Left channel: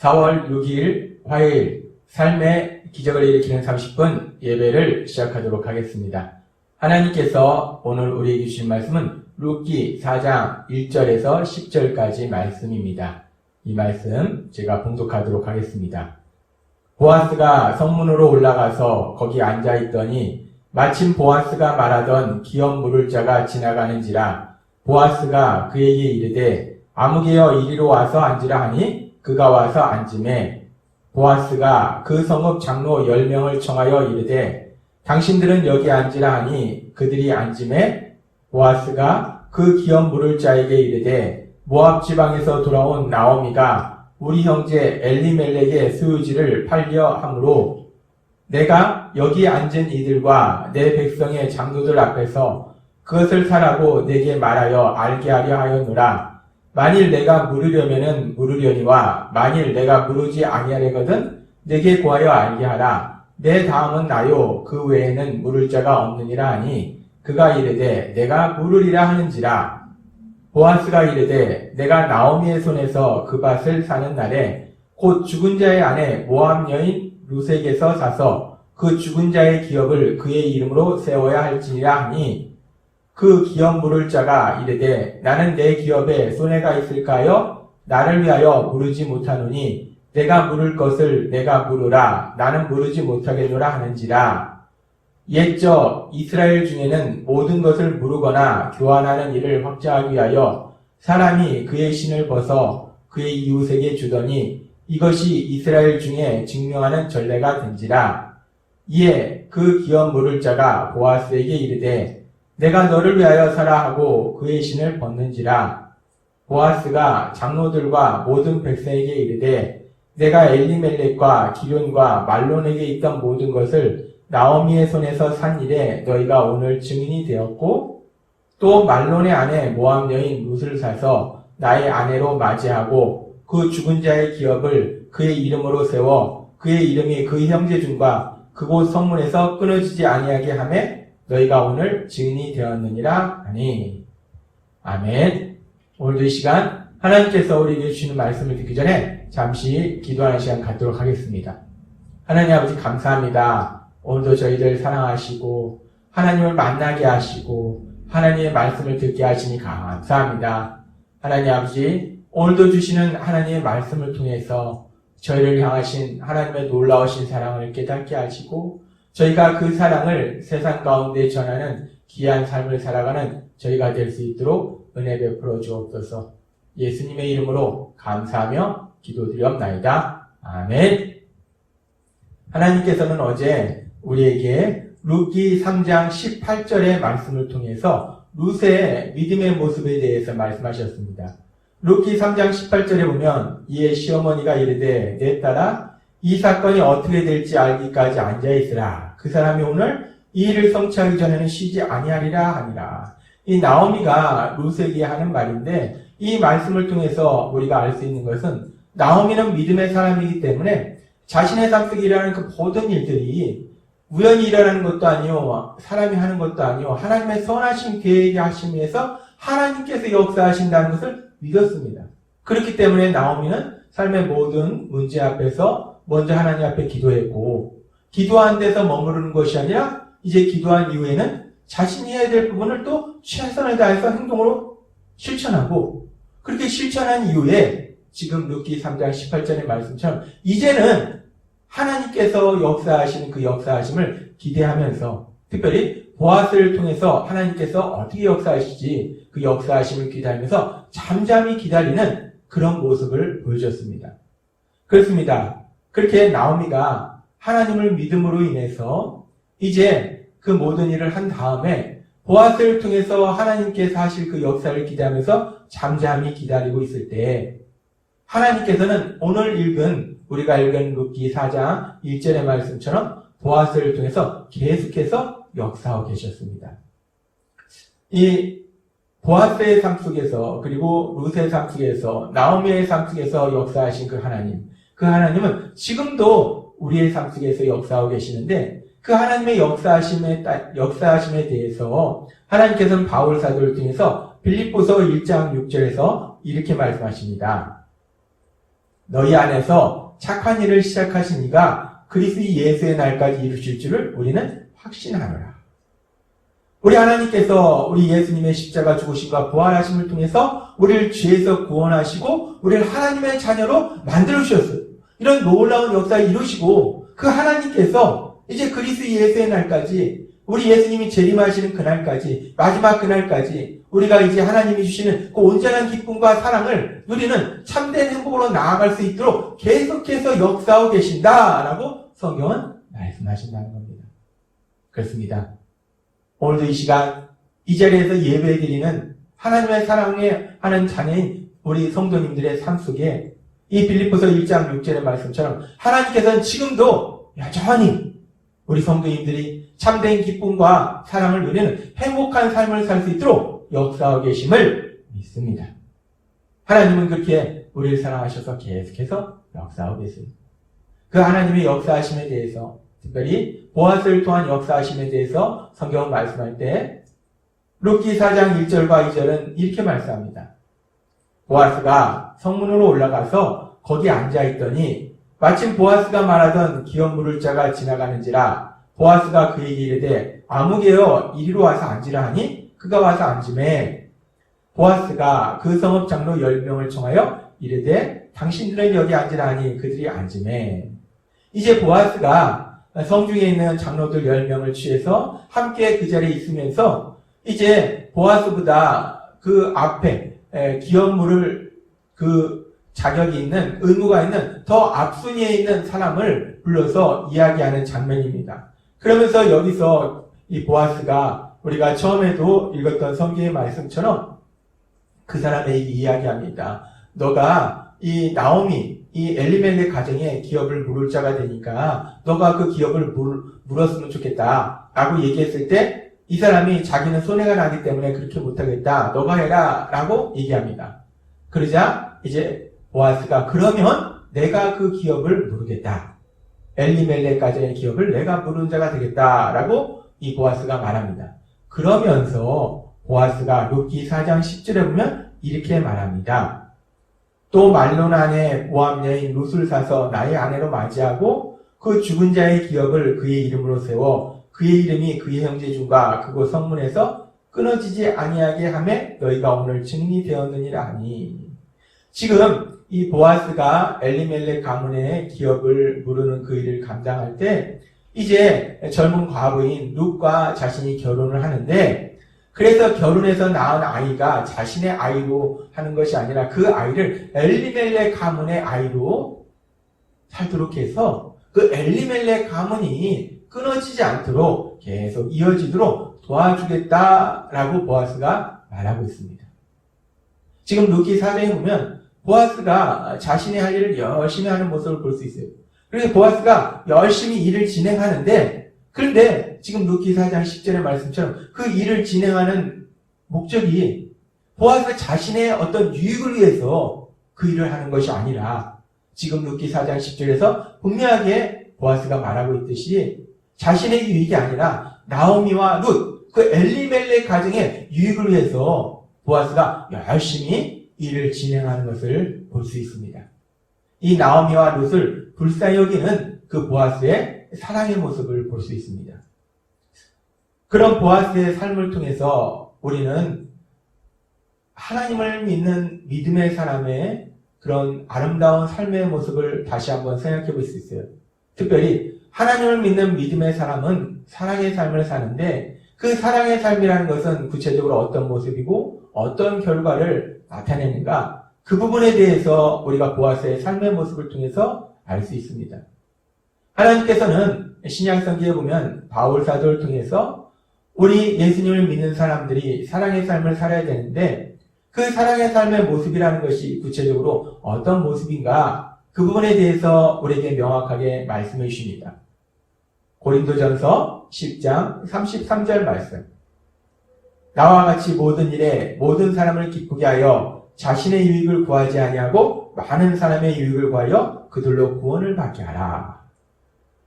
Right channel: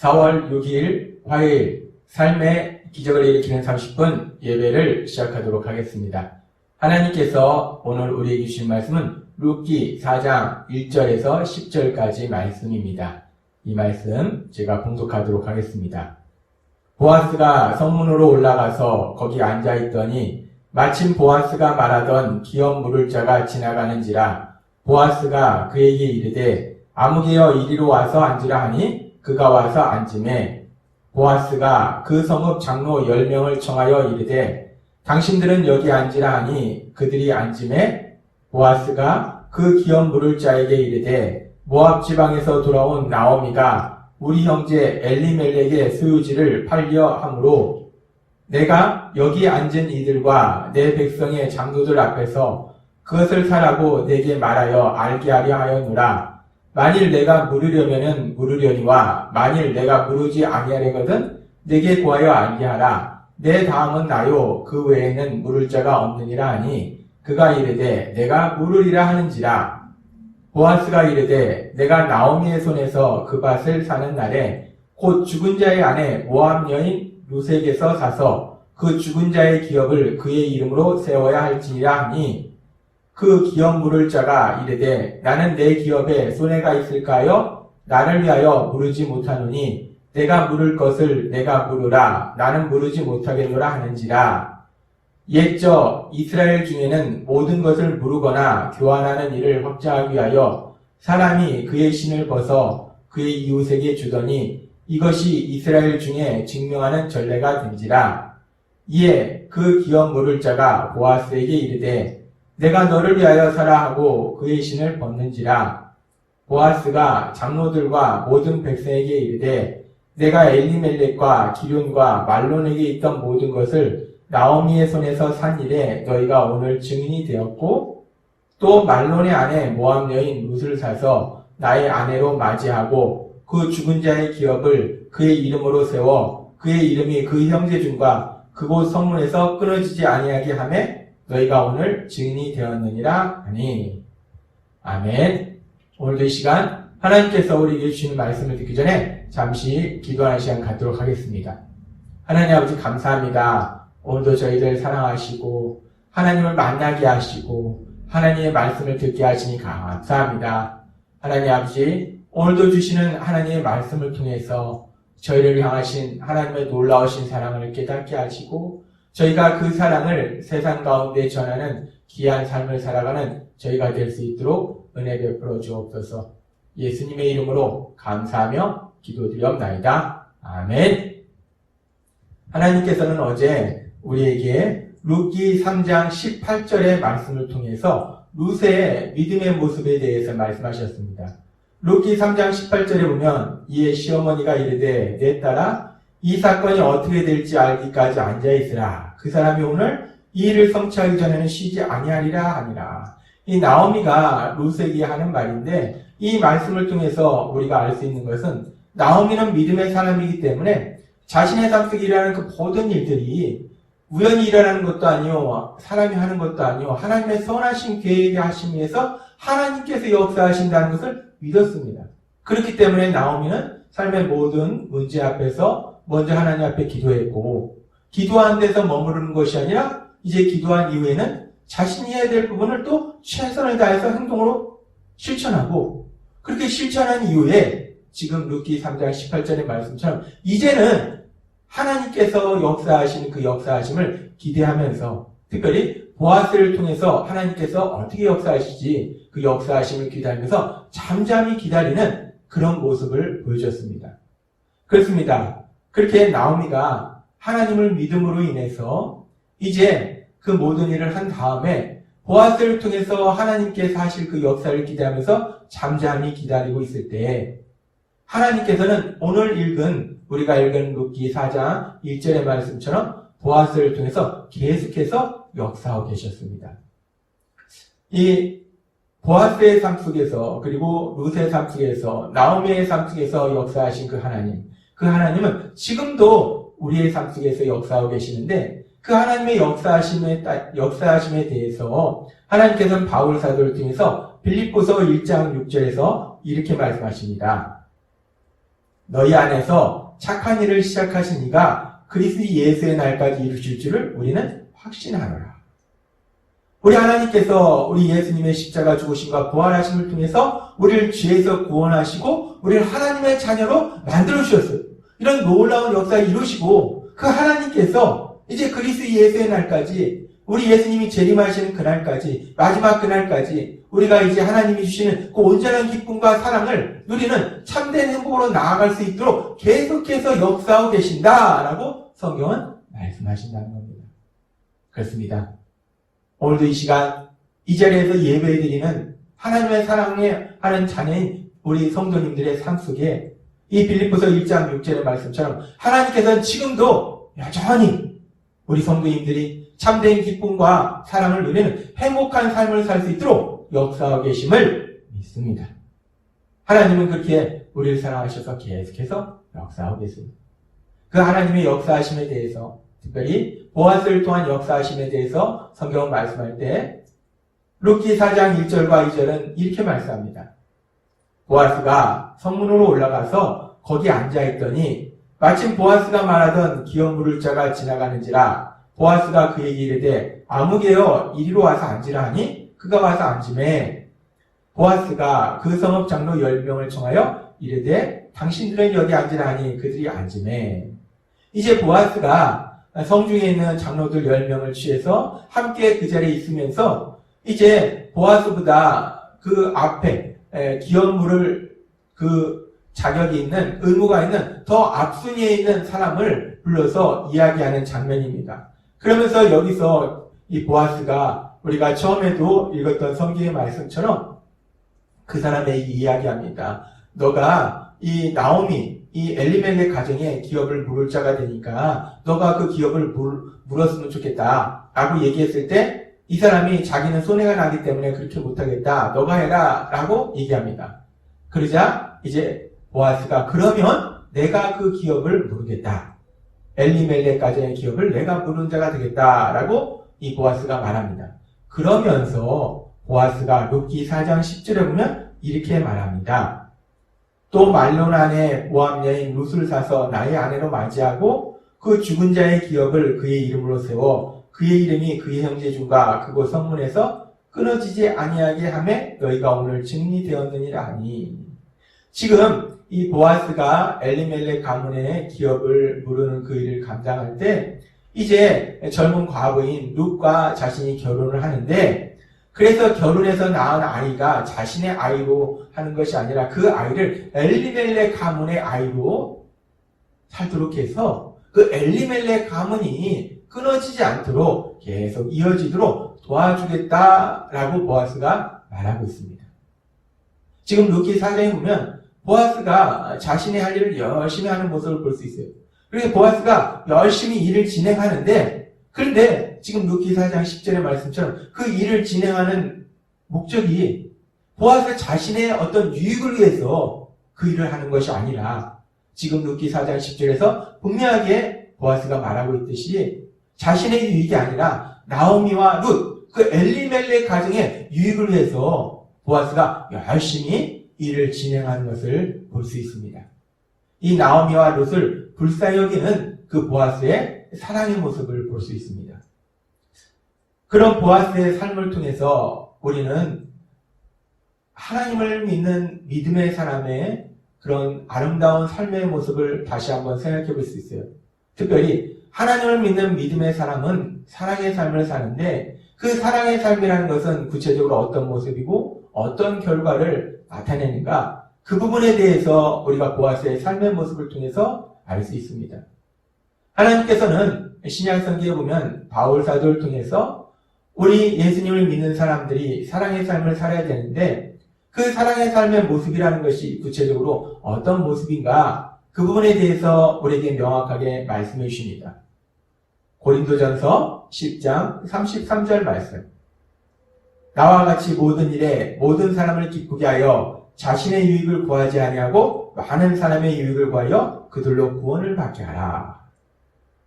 4월 6일 화요일 삶의 기적을 일으키는 30분 예배를 시작하도록 하겠습니다. 하나님께서 오늘 우리에게 주신 말씀은 룻기 4장 1절에서 10절까지 말씀입니다. 이 말씀 제가 봉독하도록 하겠습니다. 보아스가 성문으로 올라가서 거기 앉아있더니 마침 보아스가 말하던 기업 물을 자가 지나가는지라 보아스가 그에게 이르되 아무개여 이리로 와서 앉으라 하니 그가 와서 앉으매 보아스가 그 성읍 장로 10명을 청하여 이르되 당신들은 여기 앉으라 하니 그들이 앉으매 보아스가 그 기업 물을 자에게 이르되 모압 지방에서 돌아온 나오미가 우리 형제 엘리멜렉의 소유지를 팔려 함으로 내가 여기 앉은 이들과 내 백성의 장로들 앞에서 그것을 사라고 내게 말하여 알게 하려 하였노라. 만일 내가 물으려면은 물으려니와 만일 내가 물으지 아니하려거든 내게 구하여 알게 하라. 내 다음은 나요 그 외에는 물을 자가 없느니라 하니 그가 이르되 내가 물으리라 하는지라. 보아스가 이르되 내가 나오미의 손에서 그 밭을 사는 날에 곧 죽은 자의 아내 모압 여인 룻에게서 사서 그 죽은 자의 기업을 그의 이름으로 세워야 할지니라 하니 그 기업 물을 자가 이르되 나는 내 기업에 손해가 있을까요? 나를 위하여 물으지 못하노니 내가 물을 것을 내가 물으라. 나는 물으지 못하겠노라 하는지라. 옛적 이스라엘 중에는 모든 것을 물으거나 교환하는 일을 확장하기 위하여 사람이 그의 신을 벗어 그의 이웃에게 주더니 이것이 이스라엘 중에 증명하는 전례가 된지라. 이에 그 기업 물을 자가 보아스에게 이르되 내가 너를 위하여 사라 하고 그의 신을 벗는지라. 보아스가 장로들과 모든 백성에게 이르되 내가 엘리멜렉과 기륜과 말론에게 있던 모든 것을 나오미의 손에서 산 일에 너희가 오늘 증인이 되었고 또 말론의 아내 모압 여인 룻을 사서 나의 아내로 맞이하고 그 죽은 자의 기업을 그의 이름으로 세워 그의 이름이 그 형제 중과 그곳 성문에서 끊어지지 아니하게 하매 너희가 오늘 증인이 되었느니라 하니. 아멘. 오늘도 이 시간 하나님께서 우리에게 주시는 말씀을 듣기 전에 잠시 기도하는 시간 갖도록 하겠습니다. 하나님 아버지 감사합니다. 오늘도 저희들 사랑하시고 하나님을 만나게 하시고 하나님의 말씀을 듣게 하시니 감사합니다. 하나님 아버지 오늘도 주시는 하나님의 말씀을 통해서 저희를 향하신 하나님의 놀라우신 사랑을 깨닫게 하시고 저희가 그 사랑을 세상 가운데 전하는 귀한 삶을 살아가는 저희가 될 수 있도록 은혜 베풀어 주옵소서. 예수님의 이름으로 감사하며 기도드리옵나이다. 아멘. 하나님께서는 어제 우리에게 룻기 3장 18절의 말씀을 통해서 룻의 믿음의 모습에 대해서 말씀하셨습니다. 룻기 3장 18절에 보면 이에 시어머니가 이르되 내 딸아 이 사건이 어떻게 될지 알기까지 앉아있으라. 그 사람이 오늘 이 일을 성취하기 전에는 쉬지 아니하리라 하니라. 이 나오미가 룻에게 하는 말인데 이 말씀을 통해서 우리가 알 수 있는 것은 나오미는 믿음의 사람이기 때문에 자신의 삶 속에 일어나는 그 모든 일들이 우연히 일어나는 것도 아니요 사람이 하는 것도 아니요 하나님의 선하신 계획에 하심에서 하나님께서 역사하신다는 것을 믿었습니다. 그렇기 때문에 나오미는 삶의 모든 문제 앞에서 먼저 하나님 앞에 기도했고 기도한 데서 머무르는 것이 아니라 이제 기도한 이후에는 자신이 해야 될 부분을 또 최선을 다해서 행동으로 실천하고 그렇게 실천한 이후에 지금 룻기 3장 18절의 말씀처럼 이제는 하나님께서 역사하신 그 역사하심을 기대하면서 특별히 보아스를 통해서 하나님께서 어떻게 역사하실지 그 역사하심을 기다리면서 잠잠히 기다리는 그런 모습을 보여줬습니다. 그렇습니다. 그렇게 나오미가 하나님을 믿음으로 인해서 이제 그 모든 일을 한 다음에 보아스를 통해서 하나님께서 하실 그 역사를 기대하면서 잠잠히 기다리고 있을 때 하나님께서는 오늘 우리가 읽은 룻기 4장 1절의 말씀처럼 보아스를 통해서 계속해서 역사하고 계셨습니다. 이 보아스의 삶 속에서 그리고 룻의 삶 속에서 나오미의 삶 속에서 역사하신 그 하나님은 지금도 우리의 삶 속에서 역사하고 계시는데 그 하나님의 역사하심에 대해서 하나님께서는 바울 사도를 통해서 빌립보서 1장 6절에서 이렇게 말씀하십니다. 너희 안에서 착한 일을 시작하신 이가 그리스도 예수의 날까지 이루실 줄을 우리는 확신하노라. 우리 하나님께서 우리 예수님의 십자가 죽으심과 부활하심을 통해서 우리를 죄에서 구원하시고 우리를 하나님의 자녀로 만들어 주셨어요. 이런 놀라운 역사를 이루시고 그 하나님께서 이제 그리스도 예수의 날까지 우리 예수님이 재림하시는 그날까지 마지막 그날까지 우리가 이제 하나님이 주시는 그 온전한 기쁨과 사랑을 누리는 참된 행복으로 나아갈 수 있도록 계속해서 역사하고 계신다라고 성경은 말씀하신다는 겁니다. 그렇습니다. 오늘도 이 시간 이 자리에서 예배드리는 하나님의 사랑을 하는 자녀인 우리 성도님들의 삶 속에 이 빌립보서 1장 6절의 말씀처럼 하나님께서는 지금도 여전히 우리 성도님들이 참된 기쁨과 사랑을 누리는 행복한 삶을 살 수 있도록 역사하고 계심을 믿습니다. 하나님은 그렇게 우리를 사랑하셔서 계속해서 역사하고 계십니다. 그 하나님의 역사하심에 대해서 특별히 보아스를 통한 역사하심에 대해서 성경은 말씀할 때 룻기 4장 1절과 2절은 이렇게 말씀합니다. 보아스가 성문으로 올라가서 거기 앉아있더니 마침 보아스가 말하던 기업 물을 자가 지나가는지라 보아스가 그에게 이르되 아무개여 이리로 와서 앉으라 하니 그가 와서 앉으매 보아스가 그 성읍 장로 10명을 청하여 이르되 당신들은 여기 앉으라 하니 그들이 앉으매 이제 보아스가 성중에 있는 장로들 10명을 취해서 함께 그 자리에 있으면서 이제 보아스보다 그 앞에 기업 물을 그 자격이 있는 의무가 있는 더 앞순위에 있는 사람을 불러서 이야기하는 장면입니다. 그러면서 여기서 이 보아스가 우리가 처음에도 읽었던 성경의 말씀처럼 그 사람에게 이야기합니다. 너가 이 나오미, 이 엘리멜렉 가정에 기업을 물을 자가 되니까 너가 그 기업을 물었으면 좋겠다 라고 얘기했을 때 이 사람이 자기는 손해가 나기 때문에 그렇게 못하겠다. 너가 해라 라고 얘기합니다. 그러자 이제 보아스가 그러면 내가 그 기업을 물겠다. 엘리멜렉 가정의 기업을 내가 물은 자가 되겠다라고 이 보아스가 말합니다. 그러면서 보아스가 룻기 4장 10절에 보면 이렇게 말합니다. 또 말론 안에 모압 여인 룻을 사서 나의 아내로 맞이하고 그 죽은 자의 기업을 그의 이름으로 세워 그의 이름이 그의 형제 중과 그곳 성문에서 끊어지지 아니하게 하매 너희가 오늘 증인이 되었느니라 하니 지금 이 보아스가 엘리멜렉 가문의 기업을 물으는 그 일을 감당할 때 이제 젊은 과부인 룻과 자신이 결혼을 하는데 그래서 결혼해서 낳은 아이가 자신의 아이로 하는 것이 아니라 그 아이를 엘리멜렉 가문의 아이로 살도록 해서 그 엘리멜렉 가문이 끊어지지 않도록 계속 이어지도록 도와주겠다라고 보아스가 말하고 있습니다. 지금 룻기 4장에 보면 보아스가 자신의 할 일을 열심히 하는 모습을 볼 수 있어요. 그래서 보아스가 열심히 일을 진행하는데 그런데 지금 룻기 4장 10절의 말씀처럼 그 일을 진행하는 목적이 보아스 자신의 어떤 유익을 위해서 그 일을 하는 것이 아니라 지금 룻기 4장 10절에서 분명하게 보아스가 말하고 있듯이 자신의 유익이 아니라 나오미와 룻, 그 엘리멜렉 가정의 유익을 위해서 보아스가 열심히 일을 진행하는 것을 볼 수 있습니다. 이 나오미와 룻을 불쌍히 여기는 그 보아스의 사랑의 모습을 볼 수 있습니다. 그런 보아스의 삶을 통해서 우리는 하나님을 믿는 믿음의 사람의 그런 아름다운 삶의 모습을 다시 한번 생각해 볼 수 있어요. 특별히 하나님을 믿는 믿음의 사람은 사랑의 삶을 사는데 그 사랑의 삶이라는 것은 구체적으로 어떤 모습이고 어떤 결과를 나타내는가 그 부분에 대해서 우리가 보아스의 삶의 모습을 통해서 알 수 있습니다. 하나님께서는 신약성경에 보면 바울 사도를 통해서 우리 예수님을 믿는 사람들이 사랑의 삶을 살아야 되는데 그 사랑의 삶의 모습이라는 것이 구체적으로 어떤 모습인가 그 부분에 대해서 우리에게 명확하게 말씀해 주십니다. 고린도전서 10장 33절 말씀. 나와 같이 모든 일에 모든 사람을 기쁘게 하여 자신의 유익을 구하지 아니하고 많은 사람의 유익을 구하여 그들로 구원을 받게 하라.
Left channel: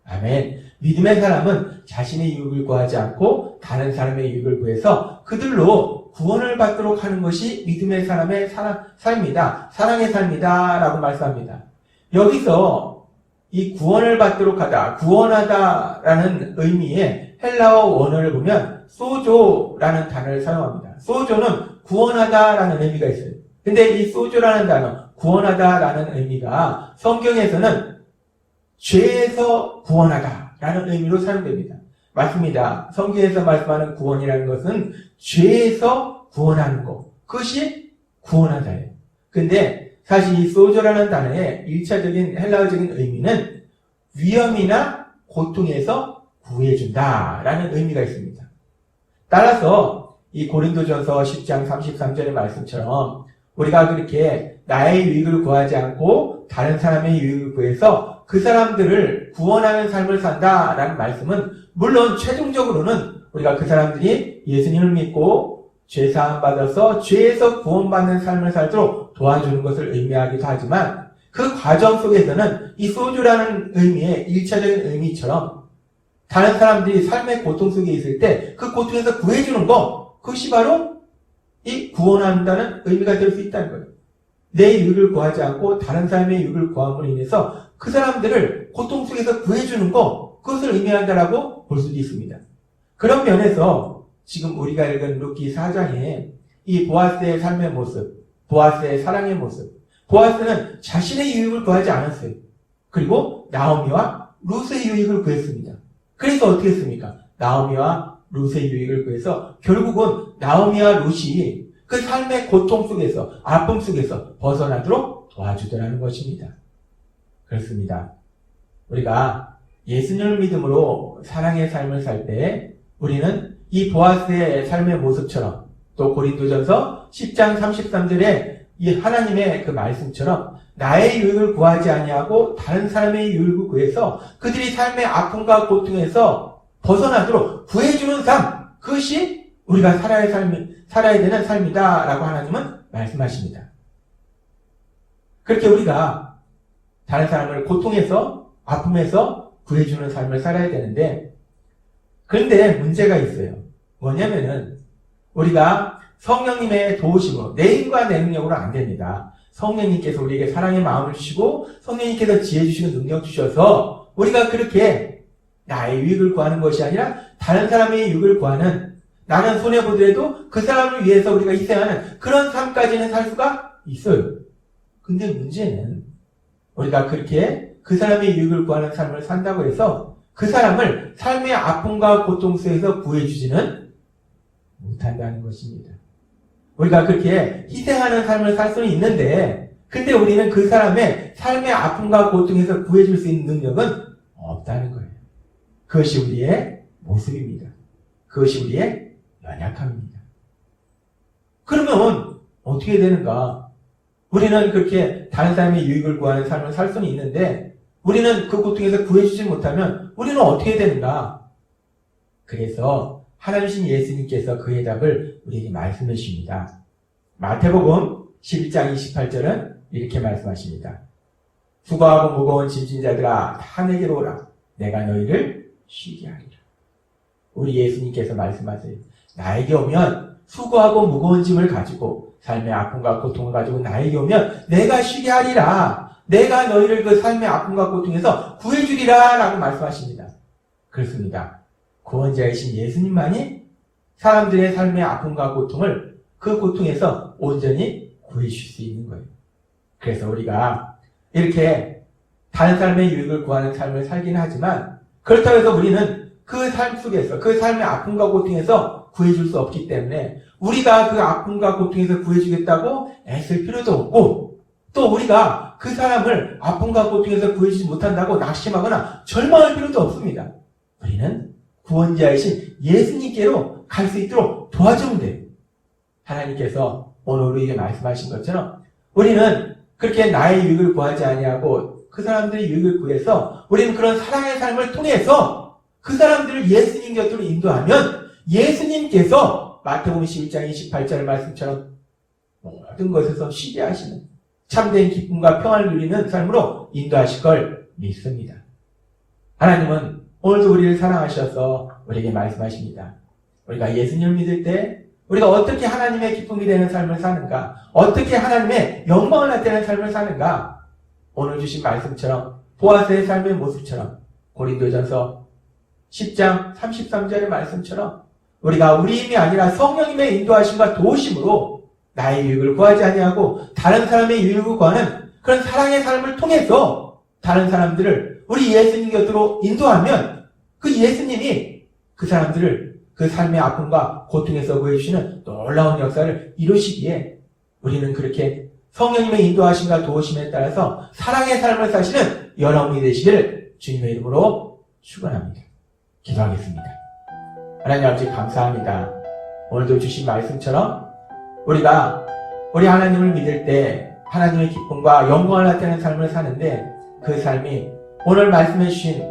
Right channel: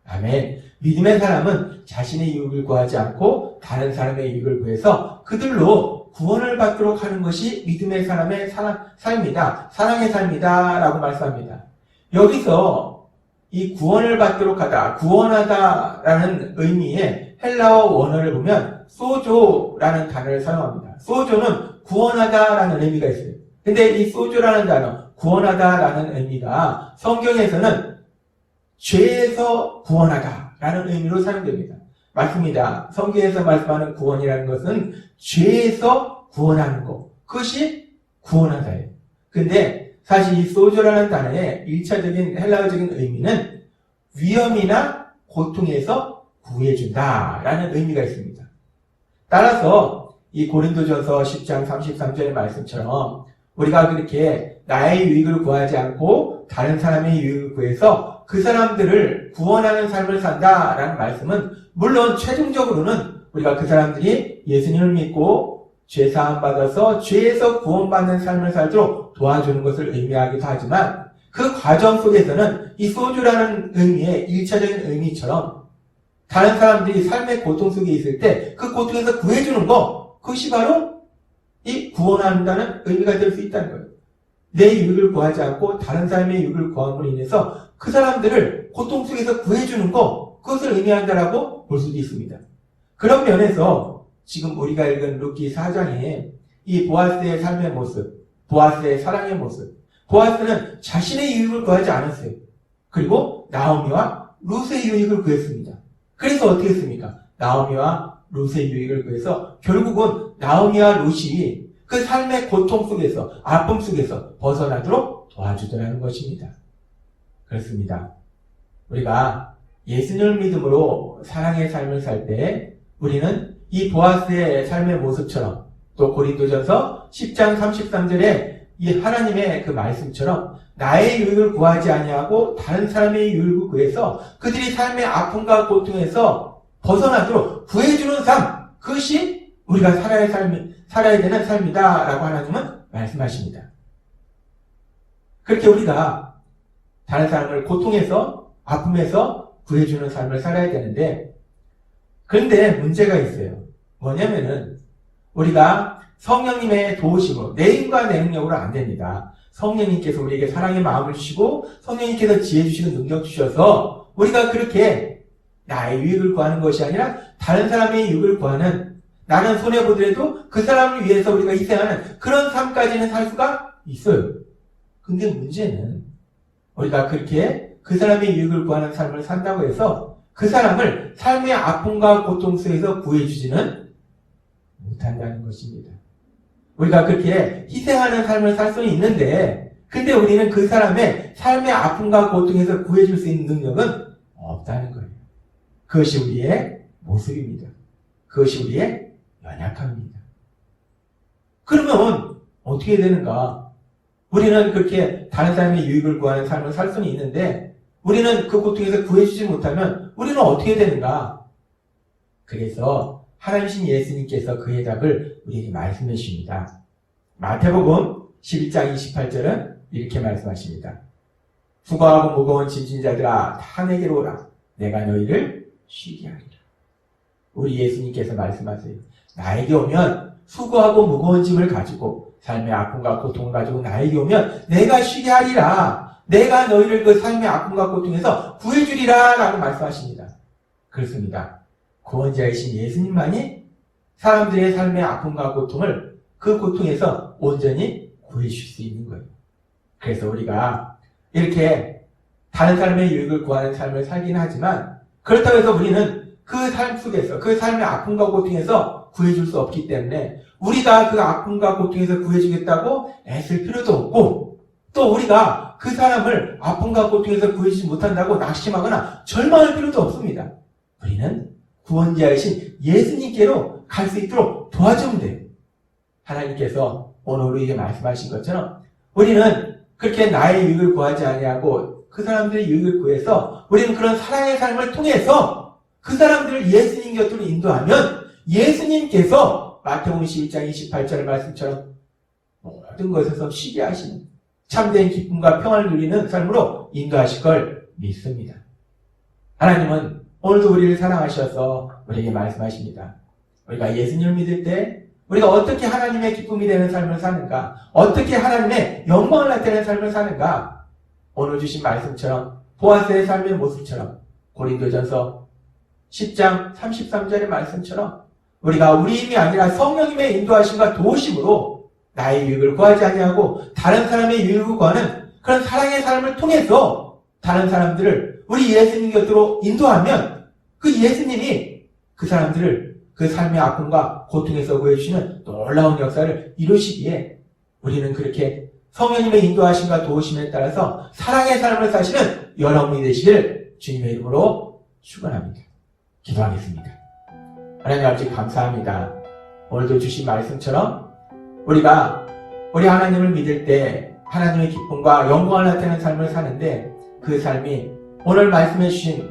아멘. 믿음의 사람은 자신의 유익을 구하지 않고 다른 사람의 유익을 구해서 그들로 구원을 받도록 하는 것이 믿음의 사람의 삶이다. 사랑의 삶이다. 라고 말씀합니다. 여기서 이 구원을 받도록 하다, 구원하다라는 의미의 헬라어 원어를 보면 소조라는 단어를 사용합니다. 소조는 구원하다라는 의미가 있어요. 근데 이 소조라는 단어, 구원하다라는 의미가 성경에서는 죄에서 구원하다라는 의미로 사용됩니다. 맞습니다. 성경에서 말씀하는 구원이라는 것은 죄에서 구원하는 것, 그것이 구원하다예요. 근데 사실 이 소조라는 단어의 1차적인 헬라어적인 의미는 위험이나 고통에서 구해준다라는 의미가 있습니다. 따라서 이 고린도전서 10장 33절의 말씀처럼 우리가 그렇게 나의 유익을 구하지 않고 다른 사람의 유익을 구해서 그 사람들을 구원하는 삶을 산다라는 말씀은 물론 최종적으로는 우리가 그 사람들이 예수님을 믿고 죄사함 받아서 죄에서 구원받는 삶을 살도록 도와주는 것을 의미하기도 하지만 그 과정 속에서는 이 소주라는 의미의 1차적인 의미처럼 다른 사람들이 삶의 고통 속에 있을 때 그 고통에서 구해주는 것, 그것이 바로 이 구원한다는 의미가 될 수 있다는 거예요. 내 유익을 구하지 않고 다른 사람의 유익을 구함으로 인해서 그 사람들을 고통 속에서 구해주는 것, 그것을 의미한다라고 볼 수도 있습니다. 그런 면에서 지금 우리가 읽은 룻기 4장에 이 보아스의 삶의 모습, 보아스의 사랑의 모습, 보아스는 자신의 유익을 구하지 않았어요. 그리고 나오미와 룻의 유익을 구했습니다. 그래서 어떻게 했습니까? 나오미와 룻의 유익을 구해서 결국은 나오미와 룻이 그 삶의 고통 속에서, 아픔 속에서 벗어나도록 도와주더라는 것입니다. 그렇습니다. 우리가 예수님을 믿음으로 사랑의 삶을 살 때 우리는 이 보아스의 삶의 모습처럼 또 고린도전서 10장 33절에 이 하나님의 그 말씀처럼 나의 유익을 구하지 아니하고 다른 사람의 유익을 구해서 그들이 삶의 아픔과 고통에서 벗어나도록 구해주는 삶, 그것이 우리가 살아야 되는 삶이다라고 하나님은 말씀하십니다. 그렇게 우리가 다른 사람을 고통에서, 아픔에서 구해주는 삶을 살아야 되는데, 그런데 문제가 있어요. 뭐냐면은 우리가 성령님의 도우심으로, 내 힘과 내 능력으로 안 됩니다. 성령님께서 우리에게 사랑의 마음을 주시고 성령님께서 지혜 주시는 능력 주셔서 우리가 그렇게 나의 유익을 구하는 것이 아니라 다른 사람의 유익을 구하는, 나는 손해보더라도 그 사람을 위해서 우리가 희생하는 그런 삶까지는 살 수가 있어요. 근데 문제는 우리가 그렇게 그 사람의 유익을 구하는 삶을 산다고 해서 그 사람을 삶의 아픔과 고통 속에서 구해주지는 못한다는 것입니다. 우리가 그렇게 희생하는 삶을 살 수는 있는데, 근데 우리는 그 사람의 삶의 아픔과 고통에서 구해줄 수 있는 능력은 없다는 거예요. 그것이 우리의 모습입니다. 그것이 우리의 연약함입니다. 그러면 어떻게 되는가? 우리는 그렇게 다른 사람의 유익을 구하는 삶을 살 수는 있는데 우리는 그 고통에서 구해주지 못하면 우리는 어떻게 되는가? 그래서 하나님이신 예수님께서 그 해답을 우리에게 말씀해 주십니다. 마태복음 11장 28절은 이렇게 말씀하십니다. 수고하고 무거운 짐진 자들아 다 내게로 오라. 내가 너희를 쉬게 하리라. 우리 예수님께서 말씀하세요. 나에게 오면 수고하고 무거운 짐을 가지고 삶의 아픔과 고통을 가지고 나에게 오면 내가 쉬게 하리라. 내가 너희를 그 삶의 아픔과 고통에서 구해주리라 라고 말씀하십니다. 그렇습니다. 구원자이신 예수님만이 사람들의 삶의 아픔과 고통을 그 고통에서 온전히 구해주실 수 있는 거예요. 그래서 우리가 이렇게 다른 사람의 유익을 구하는 삶을 살긴 하지만 그렇다고 해서 우리는 그 삶 속에서 그 삶의 아픔과 고통에서 구해줄 수 없기 때문에 우리가 그 아픔과 고통에서 구해주겠다고 애쓸 필요도 없고 또 우리가 그 사람을 아픔과 고통에서 구해주지 못한다고 낙심하거나 절망할 필요도 없습니다. 우리는 구원자이신 예수님께로 갈 수 있도록 도와주면 돼요. 하나님께서 오늘 우리에게 말씀하신 것처럼 우리는 그렇게 나의 유익을 구하지 아니하고 그 사람들의 유익을 구해서 우리는 그런 사랑의 삶을 통해서 그 사람들을 예수님 곁으로 인도하면 예수님께서 마태복음 11장 28절 말씀처럼 모든 것에서 쉬게 하시는 참된 기쁨과 평안을 누리는 삶으로 인도하실 걸 믿습니다. 하나님은 오늘도 우리를 사랑하셔서 우리에게 말씀하십니다. 우리가 예수님을 믿을 때 우리가 어떻게 하나님의 기쁨이 되는 삶을 사는가, 어떻게 하나님의 영광을 나타내는 삶을 사는가, 오늘 주신 말씀처럼 보아스의 삶의 모습처럼 고린도전서 10장 33절의 말씀처럼 우리가 우리 힘이 아니라 성령님의 인도하심과 도우심으로 나의 유익을 구하지 아니하고 다른 사람의 유익을 구하는 그런 사랑의 삶을 통해서 다른 사람들을 우리 예수님 곁으로 인도하면 그 예수님이 그 사람들을 그 삶의 아픔과 고통에서 구해주시는 놀라운 역사를 이루시기에 우리는 그렇게 성령님의 인도하심과 도우심에 따라서 사랑의 삶을 사시는 여러분이 되시기를 주님의 이름으로 축원합니다. 기도하겠습니다. 하나님 아버지 감사합니다. 오늘도 주신 말씀처럼 우리가 우리 하나님을 믿을 때 하나님의 기쁨과 영광을 나타내는 삶을 사는데 그 삶이 오늘 말씀해 주신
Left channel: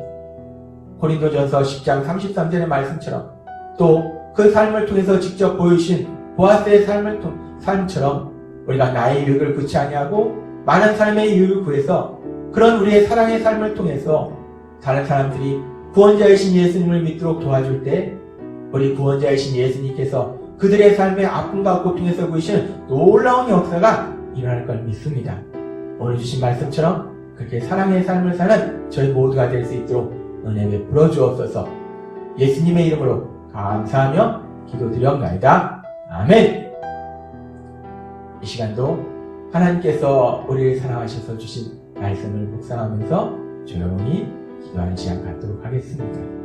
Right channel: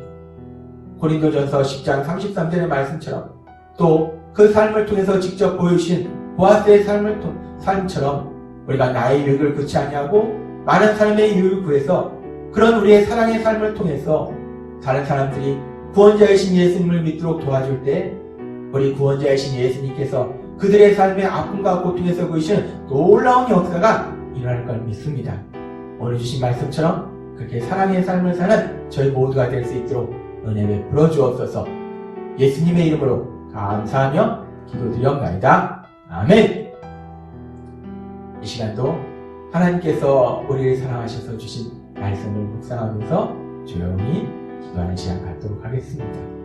고린도전서 10장 33절의 말씀처럼 또 그 삶을 통해서 직접 보여주신 보아스의 삶처럼 우리가 나의 유익을 구치 아니하고 많은 사람의 유익을 구해서 그런 우리의 사랑의 삶을 통해서 다른 사람들이 구원자이신 예수님을 믿도록 도와줄 때 우리 구원자이신 예수님께서 그들의 삶의 아픔과 고통에서 보이시는 놀라운 역사가 일어날 걸 믿습니다. 오늘 주신 말씀처럼 그렇게 사랑의 삶을 사는 저희 모두가 될 수 있도록 은혜 베풀어 주옵소서. 예수님의 이름으로 감사하며 기도드렸나이다. 아멘. 이 시간도 하나님께서 우리를 사랑하셔서 주신 말씀을 묵상하면서 조용히 기도하는 시간 갖도록 하겠습니다.